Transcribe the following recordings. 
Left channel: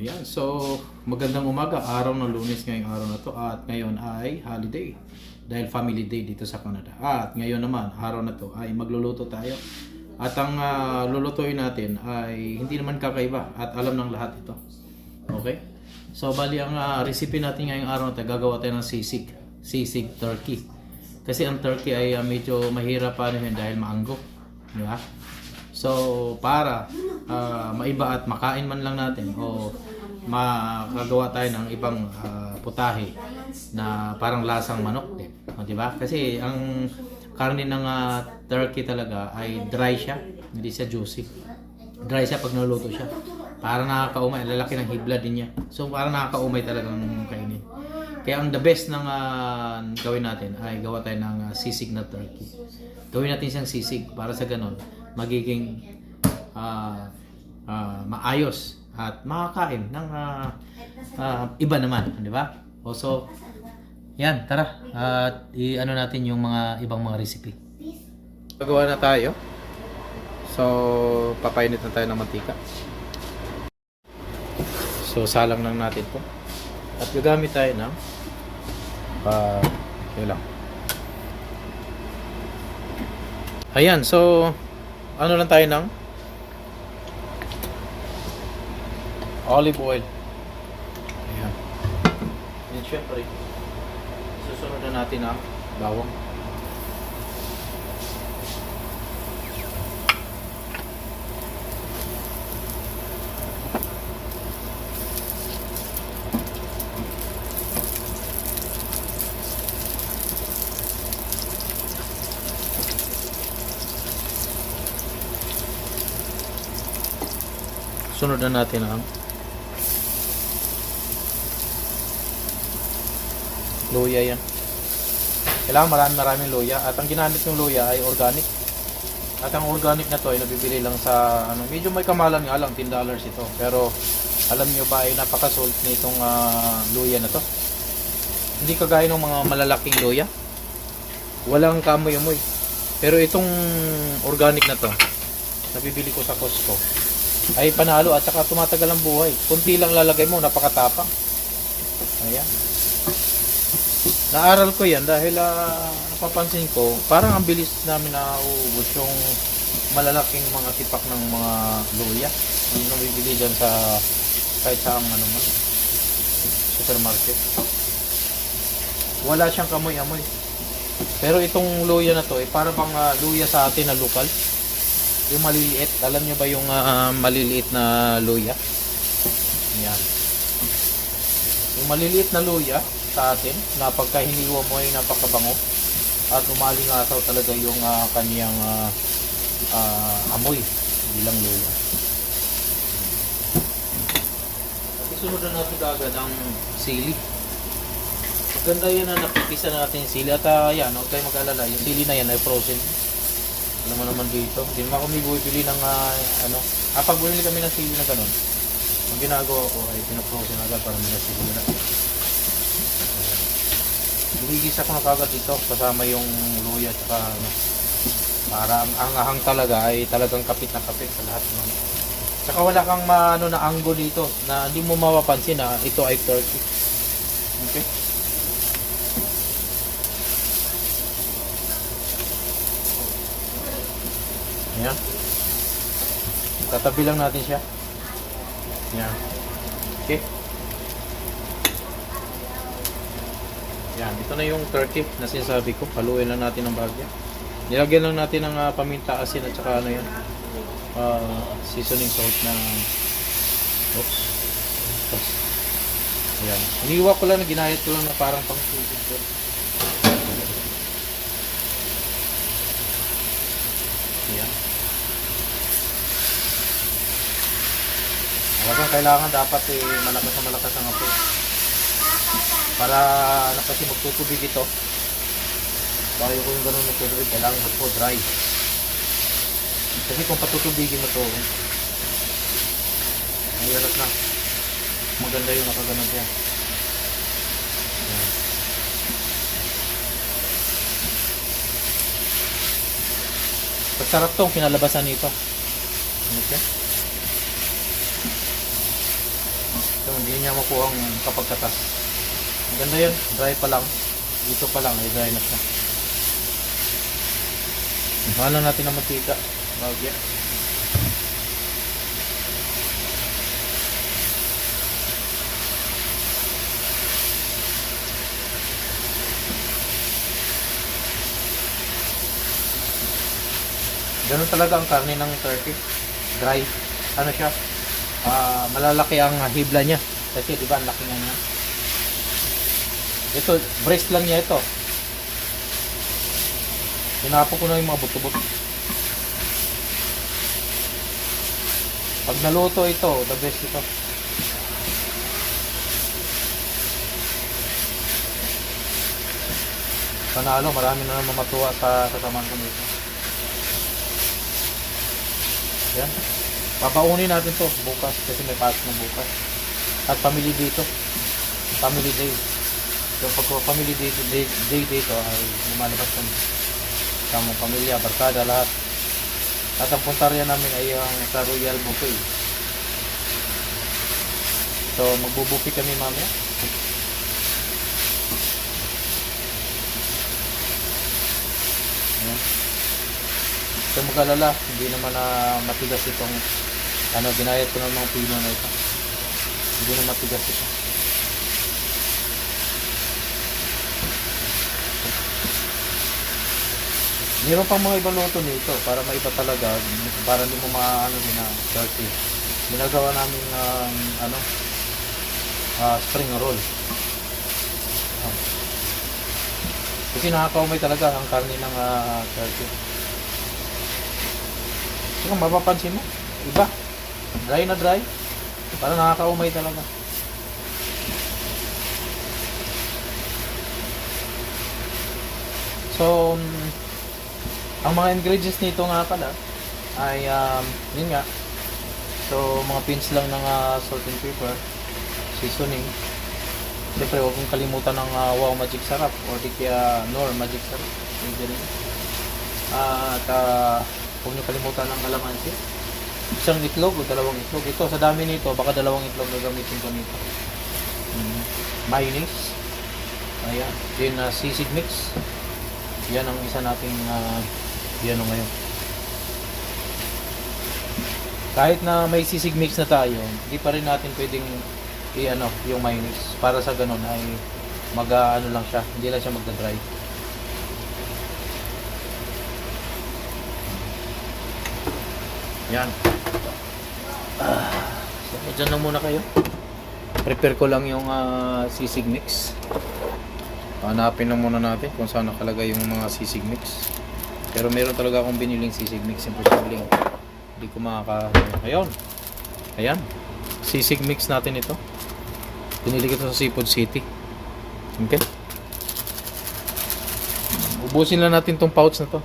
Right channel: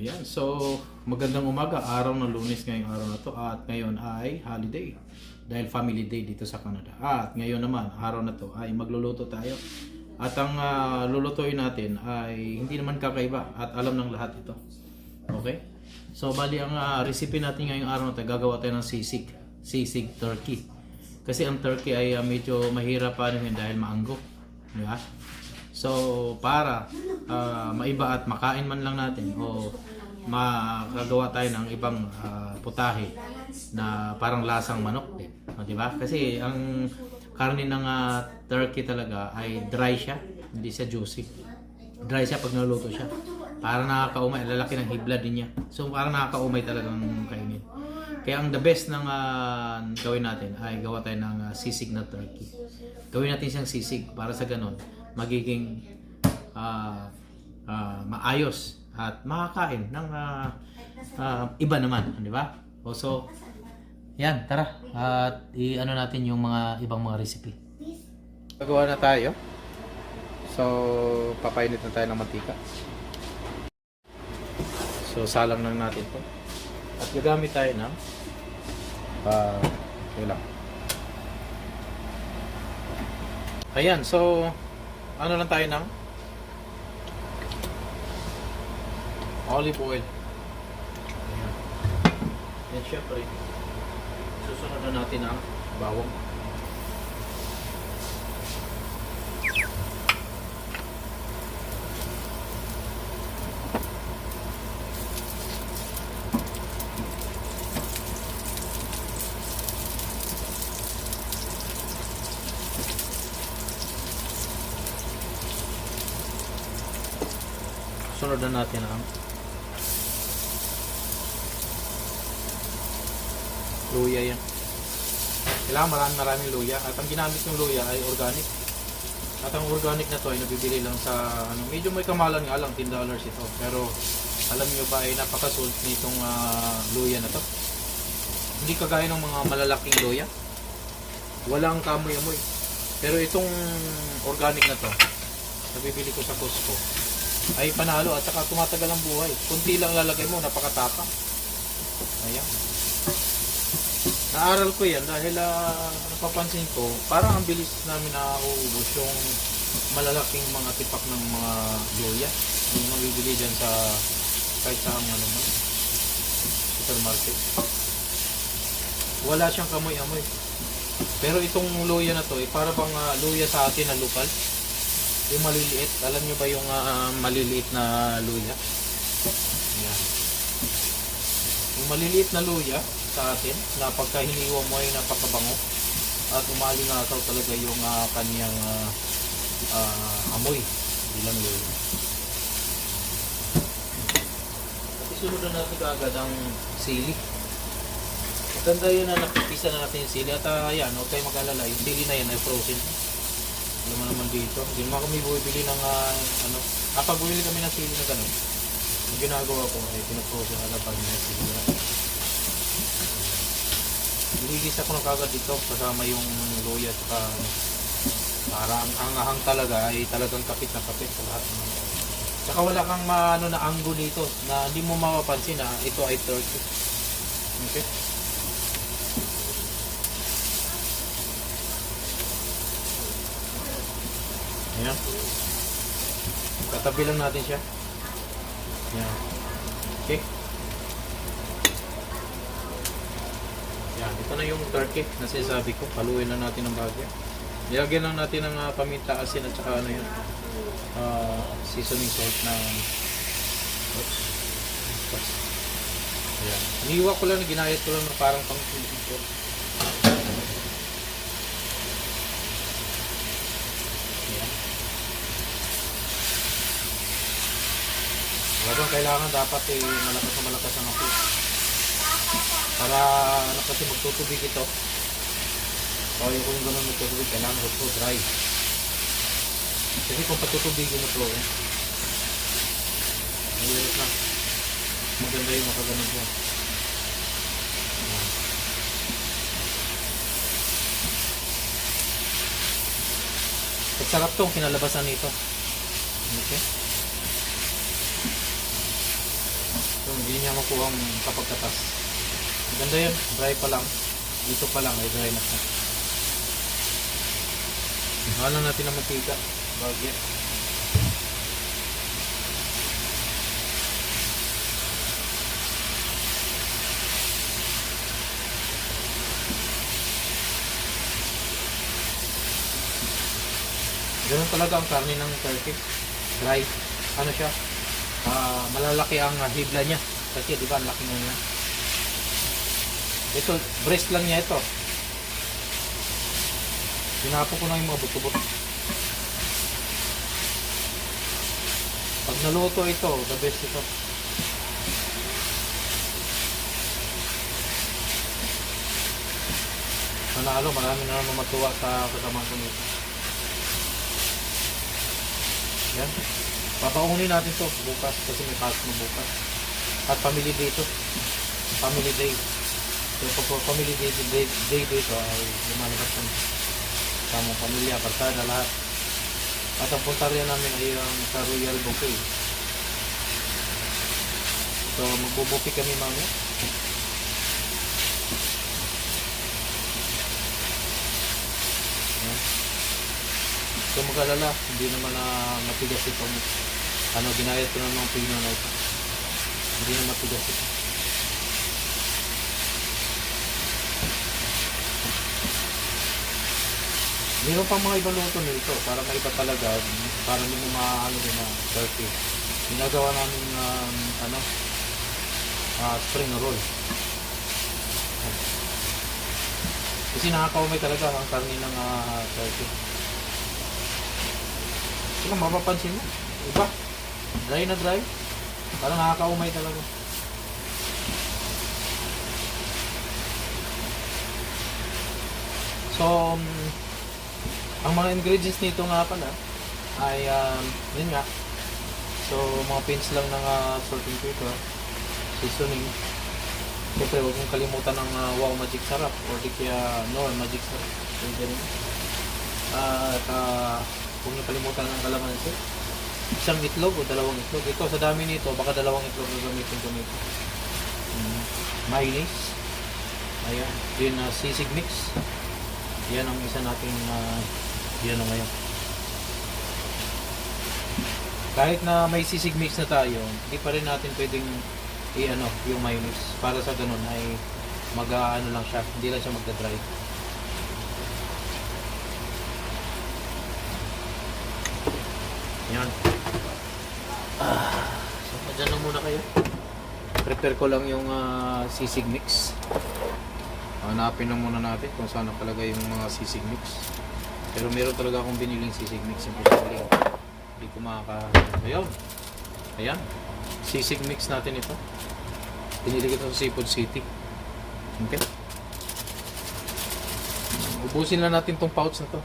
Ayan, so magandang umaga, araw ng Lunes ngayong araw na to at ngayon ay holiday dahil family day dito sa Canada. At ngayon naman, araw na to ay magluluto tayo. At ang lulutuin natin ay hindi naman kakaiba at alam ng lahat ito. Okay? So bali ang recipe natin ngayong araw na to, gagawa tayo ng sisig turkey. Kasi ang turkey ay medyo mahirap panuhin dahil maanggo, di ba? So para maiba at makain man lang natin o makagawa tayo ng ibang putahe na parang lasang manok din, di ba? Kasi ang karne ng turkey talaga ay dry siya, hindi siya juicy. Dry siya pag naluto siya. Para nakakaumay, lalaki ng hibla din niya. So para nakakaumay talagang kainin. Kaya ang the best ng gawin natin ay gawa tayo ng sisig na turkey. Gawin natin siyang sisig para sa ganon magiging maayos at makakain ng iba naman, di ba? So, yan, tara. At i-ano natin yung mga ibang mga recipe. Gagawa na tayo. So, papainit na tayo ng mantika. So, salang lang natin 'to. At gagamit tayo ng ulam. Ayan, so ano lang tayo ng olive oil. Ayan. And syempre, susunod na natin ang bawang. Sunod na natin ang luya yan. Kailangan maraming luya. At ang ginamit ng luya ay organic. At ang organic na to ay nabibili lang sa medyo may kamalan nga lang, $10 ito. Pero alam niyo ba ay napakasult nitong luya na to. Hindi kagaya ng mga malalaking luya. Walang kamoy-amoy. Pero itong organic na to, nabibili ko sa Costco, ay panalo at saka tumatagal ang buhay. Kunti lang lalagay mo, napakatapang. Ayan. Naaral ko yan dahil napapansin ko, parang ang bilis namin nauubos yung malalaking mga tipak ng mga luya. Yung nabibili dyan sa kahit saan supermarket. Wala siyang kamoy-amoy. Pero itong luya na to, parang pang luya sa atin na lokal. Yung maliliit, alam niyo ba yung maliliit na luya? Yan. Yung maliliit na luya sa atin, na pagka hiniwa mo ay napakabango at umalingasaw talaga yung kaniyang amoy bilang luya. At isunod na natin kaagad ang sili. Maganda yun na nakipisa natin yung sili. At yan, huwag kayo mag-alala, yung sili na yan ay frozen. Naman dito. Hindi naman kami bumibili ng pag bumili kami ng sili na ganun, ang ginagawa ko ay pinag-frozen na agad para may sili na. Binigisa ko na kagad dito kasama yung luya at para ang ahang talaga ay talagang kapit na kapit sa lahat. Saka wala kang na anggo dito na hindi mo mapapansin na ito ay turkey. Okay? Ayan. Tatabi lang natin siya. Ayan. Okay. Ayan. Ito na yung turkey na sinasabi ko. Haluin lang natin ng bagay. Nilagyan lang natin ng paminta, asin at saka seasoning salt na oops. Ayan. Iniwa ko lang na ginayat ko lang na parang pang seasoning. Kailangan dapat malakas ang apoy para kasi magtutubig ito. Kaya kung gano'n magtutubig, kailangan ito dry. Kasi kung patutubigin ito, mahirap lang. Maganda yung makaganon siya. Masarap tong kinalabasan nito. Okay? niya makuha ang kapagkatas. Ganda yun, dry pa lang. Dito pa lang, ay dry na siya. Mahal na natin ang mantika. Bagya. Ganun talaga ang karne ng turkey. Dry. Ano siya? Malalaki ang hibla niya. Kasi di ba ang laki niya. Ito, breast lang niya ito. Sinapo ko na yung mga buto-buto. Pag naluto ito, the best ito. Panalo, marami na naman matuwa sa kasamang ko nito. Yan. Papaunin natin to bukas kasi may pasok na bukas. At family dito. Family day. So pag family day dito ay lumalabas kami. Sama pamilya, barkada, lahat. At ang puntarya namin ay ang sa Royal Buffet. So magbubuffet kami mamaya. So mag-alala, hindi naman na matigas itong ginayat ko ng mga pino na ito. Hindi na matigas ito. Meron pang mga ibang luto nito para maiba talaga, para hindi mo maano din na turkey. Ginagawa namin spring roll. Kasi nakakaumay talaga ang karne ng turkey. So, kung mapapansin mo, iba. Dry na dry. Parang nakakaumay talaga. So, ang mga ingredients nito nga pala ay, yun nga. So, mga pins lang ng salt and pepper, seasoning. Siyempre, huwag mong kalimutan ng Wow Magic Sarap or di kaya Nor Magic Sarap. Yung ganun. At, huwag niyo kalimutan ng kalamansi. Isang itlog o dalawang itlog. Ito, sa dami nito, baka dalawang itlog na gamitin ko nito. Mayonnaise. Ayan. Then, sisig mix. Yan ang isa nating yan ngayon. Kahit na may sisig mix na tayo, hindi pa rin natin pwedeng yung mayonnaise. Para sa ganun ay lang siya. Hindi lang siya magda-dry. Yan. So, dyan lang muna kayo. Prepare ko lang yung sisig mix. Hanapin lang muna natin kung saan nakalagay yung mga sisig mix. Pero meron talaga akong biniling sisig mix. Imposible. Hindi ko Ayun. Ayan. Sisig mix natin ito. Pinili ko sa Seafood City. Okay. Ubusin lang natin tong pouch na to.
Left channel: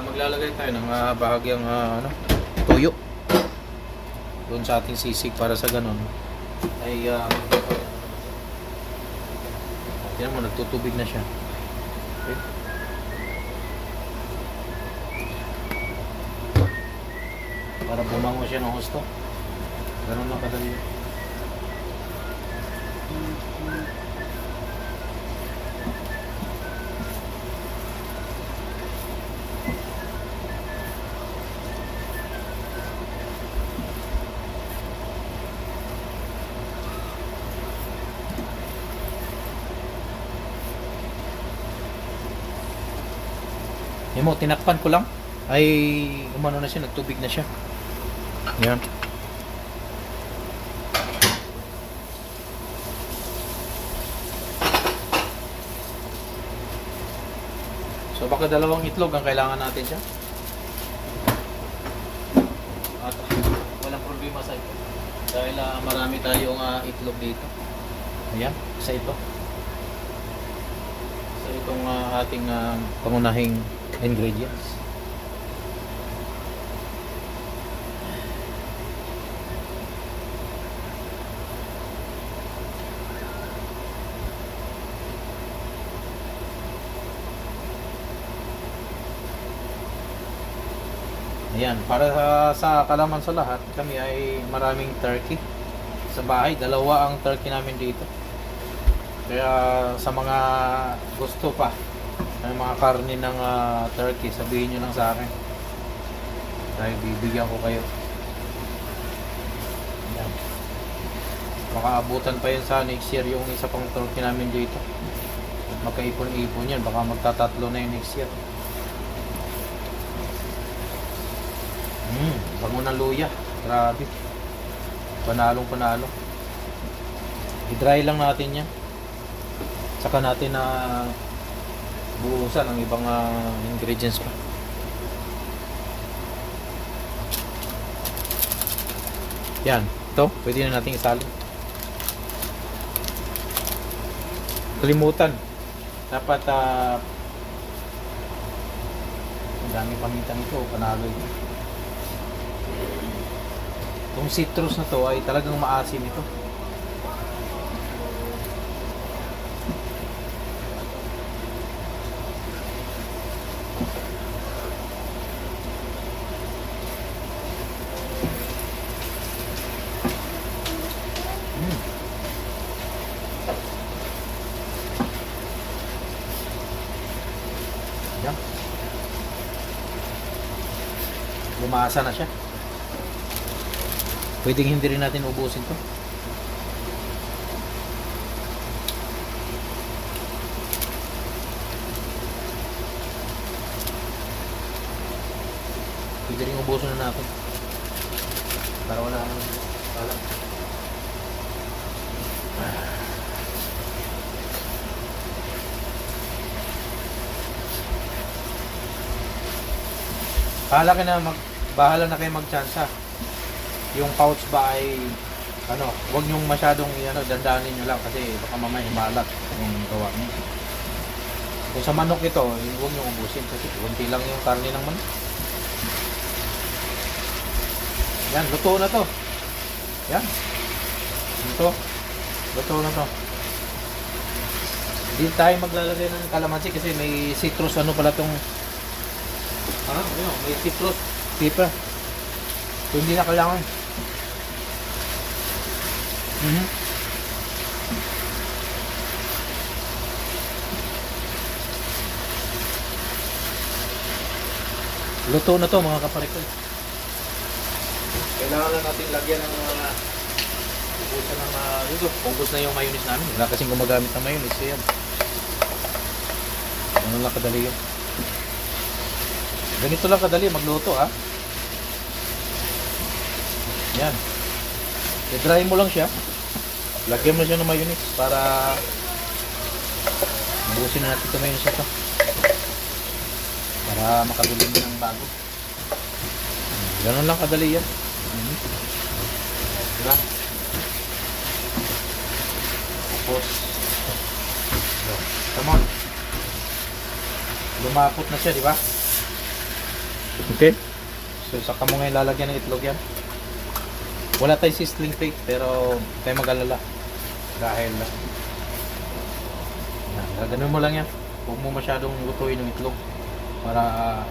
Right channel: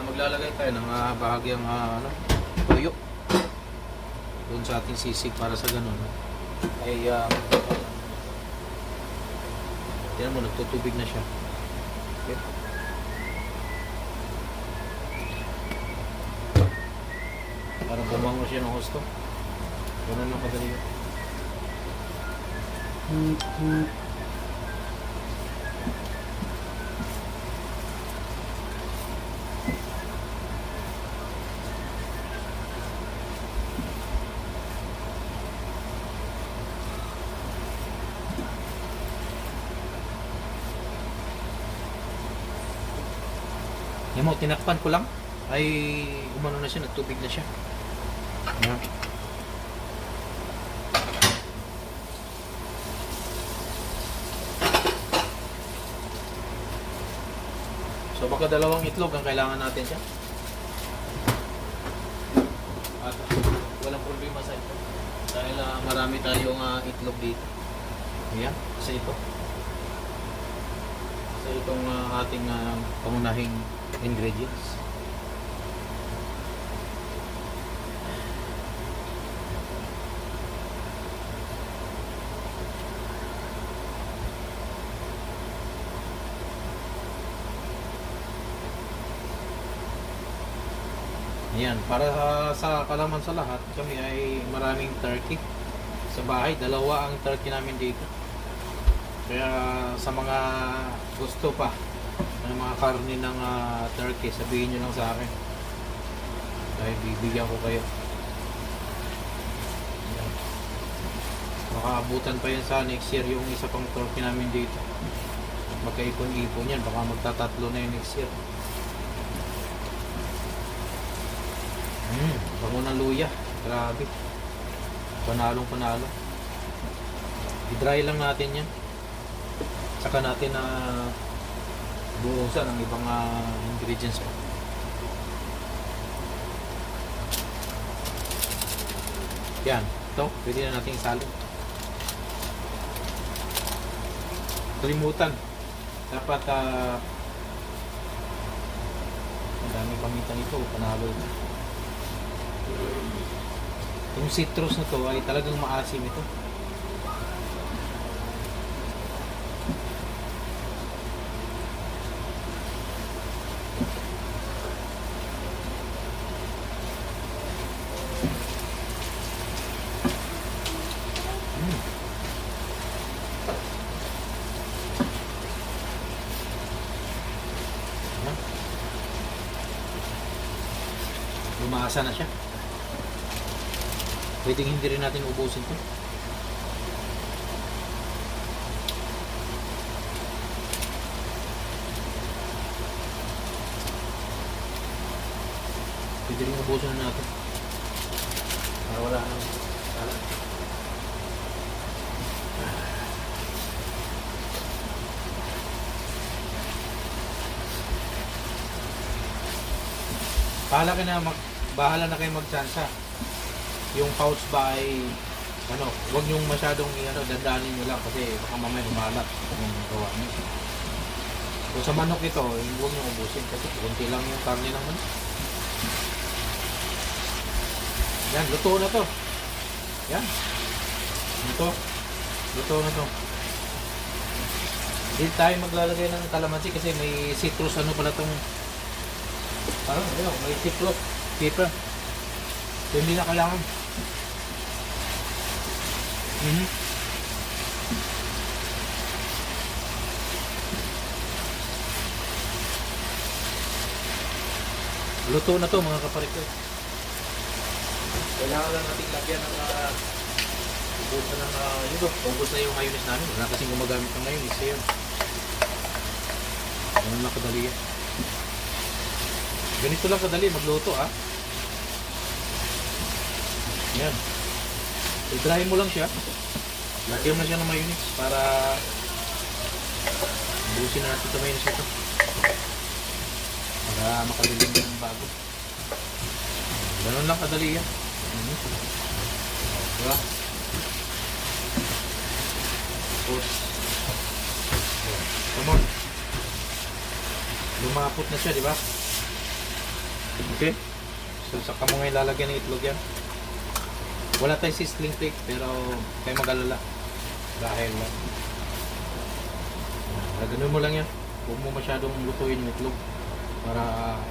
Maglalagay tayo ng bahagyang toyo doon sa ating sisig para sa ganun ay yan mo, nagtutubig na siya. Okay. Para bumango siya ng husto. Ganun lang kadali. Yan mo, tinakpan ko lang ay umano na siya, nagtubig na siya. Yan. So baka dalawang itlog ang kailangan natin siya. At walang problema sa ito. Dahil marami tayong itlog dito. Ayan, isa ito. So itong ating pangunahing ingredients. Ayan, para sa kalaman sa lahat, kami ay maraming turkey. Sa bahay, dalawa ang turkey namin dito. Kaya sa mga gusto pa ng mga karne ng turkey, sabihin nyo lang sa akin. Dahil bibigyan ko kayo. Ayan. Baka abutan pa yun sa next year yung isa pang turkey namin dito. Magkaipon-ipon yan, baka magtatatlo na yung next year. Bango ng luya. Grabe. Panalong panalo. I-dry lang natin yan. Saka natin na buusan ang ibang ingredients pa. Yan. Ito. Pwede na natin isali. Kalimutan. Dapat ang daming paminta nito. Panalo ito. Yung citrus na to ay talagang maasim ito. Yan. Lumasa na siya. Pwedeng hindi rin natin ubusin to. Pwede rin ubusin na natin. Para wala naman. Bahala na kayo magtsansa. Yung pouch ba ay huwag niyong masyadong dandanin niyo lang kasi baka mamaya malat yung gawa niyo. Kung sa manok ito, huwag niyong ubusin kasi kunti lang yung karne ng manok. Yan, luto na to. Yan. Luto na to. Hindi tayo maglalagay ng kalamansi kasi may citrus pala tong may citrus pepper. So, hindi na kailangan. Luto na to mga kaparik ko. Kailangan lang natin lagyan ng ubusan ng ubus na yung mayonnaise namin. Wala kasing gumagamit ng mayonnaise yun. Ano lang kadali yun. Ganito lang kadali magluto Yan. I-dry mo lang siya. Lagyan na siya ng mayonnaise para mabusin natin ito mayonnaise ito. Para makabilin ng bago. Ganun lang kadali yan. Diba? Come on. Lumapot na siya, diba? Okay. So, saka mo ngayon lalagyan ng itlog yan. Wala tayong sizzling cake pero tayo mag-alala dahil ganun mo lang yan. Huwag mo masyadong lutuin ng itlog para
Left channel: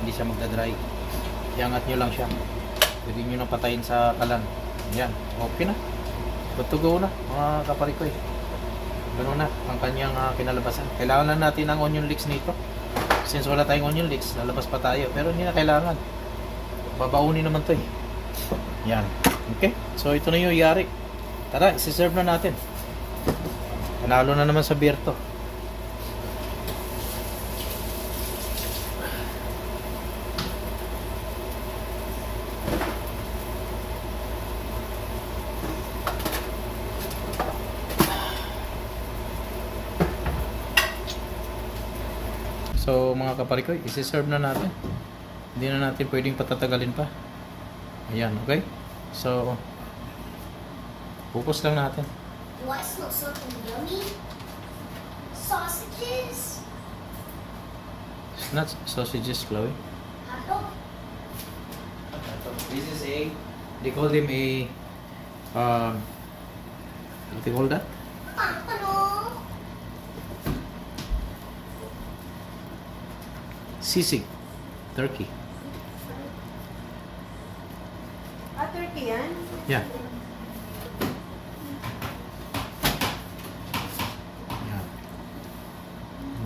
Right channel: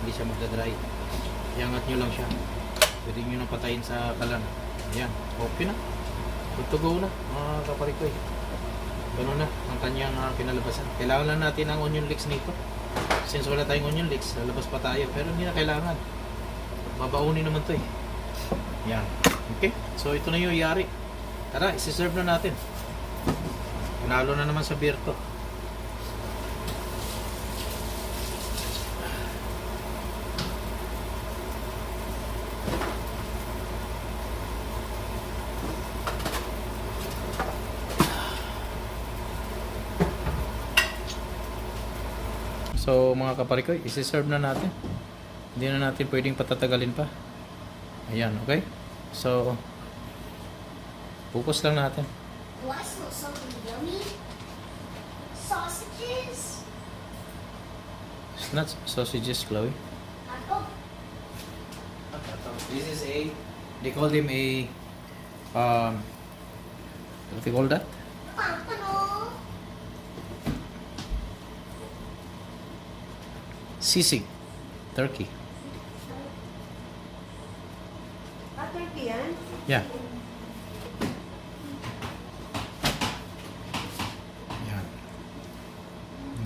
hindi siya magdadry. Iangat nyo lang siya. Pwede nyo na patayin sa kalan. Yan, okay na. Good to go na mga kaparik ko Ganun na ang kanyang kinalabasan. Kailangan lang natin ng onion leeks nito. Since wala tayong onion leeks, lalabas pa tayo. Pero hindi na kailangan. Babaunin naman to Yan. Okay, so ito na yung iyari. Tara, isi-serve na natin. Panalo na naman sa beer to. So mga kaparikoy, isi-serve na natin. Hindi na natin pwedeng patatagalin pa. Ayan, okay? So, focus lang natin. Do I smell something yummy? Sausages? It's not sausages, Chloe. Hotdog? This is they call them what do you call that? Ano? Sisig, turkey. turkey yan? Yeah. Yan.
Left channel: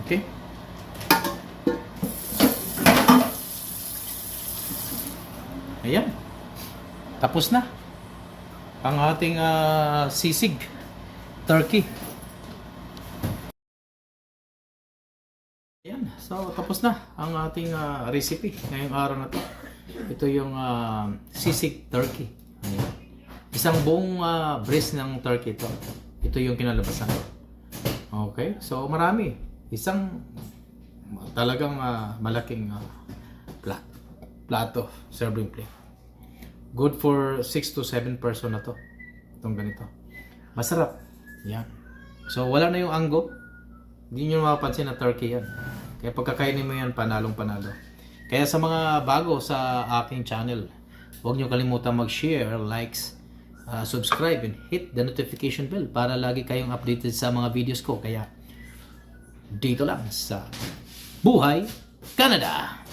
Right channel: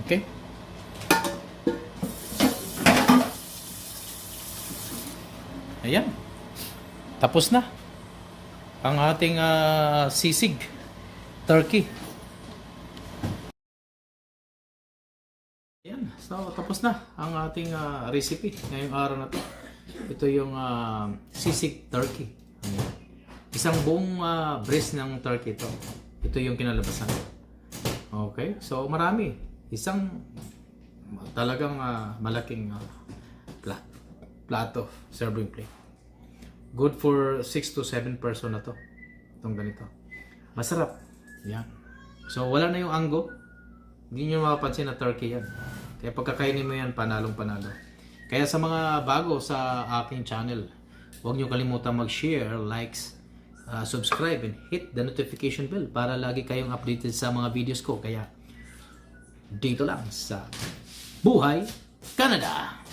Okay. Ayan. Tapos na ang ating sisig turkey. Ayan. So, tapos na ang ating recipe ngayong araw na to. Ito yung sisig turkey. Ayan. Isang buong breast ng turkey ito. Ito yung kinalabasan. Okay? So, marami. Isang talagang malaking plato, serving plate. Good for 6 to 7 person na to. Itong ganito. Masarap. Yan. So, wala na yung anggo. Hindi nyo mapapansin na turkey yan. Kaya pagkakainin mo yan, panalong panalo. Kaya sa mga bago sa aking channel, huwag nyo kalimutan mag-share, likes, subscribe, and hit the notification bell para lagi kayong updated sa mga videos ko. Kaya, dito lang sa Buhay Canada!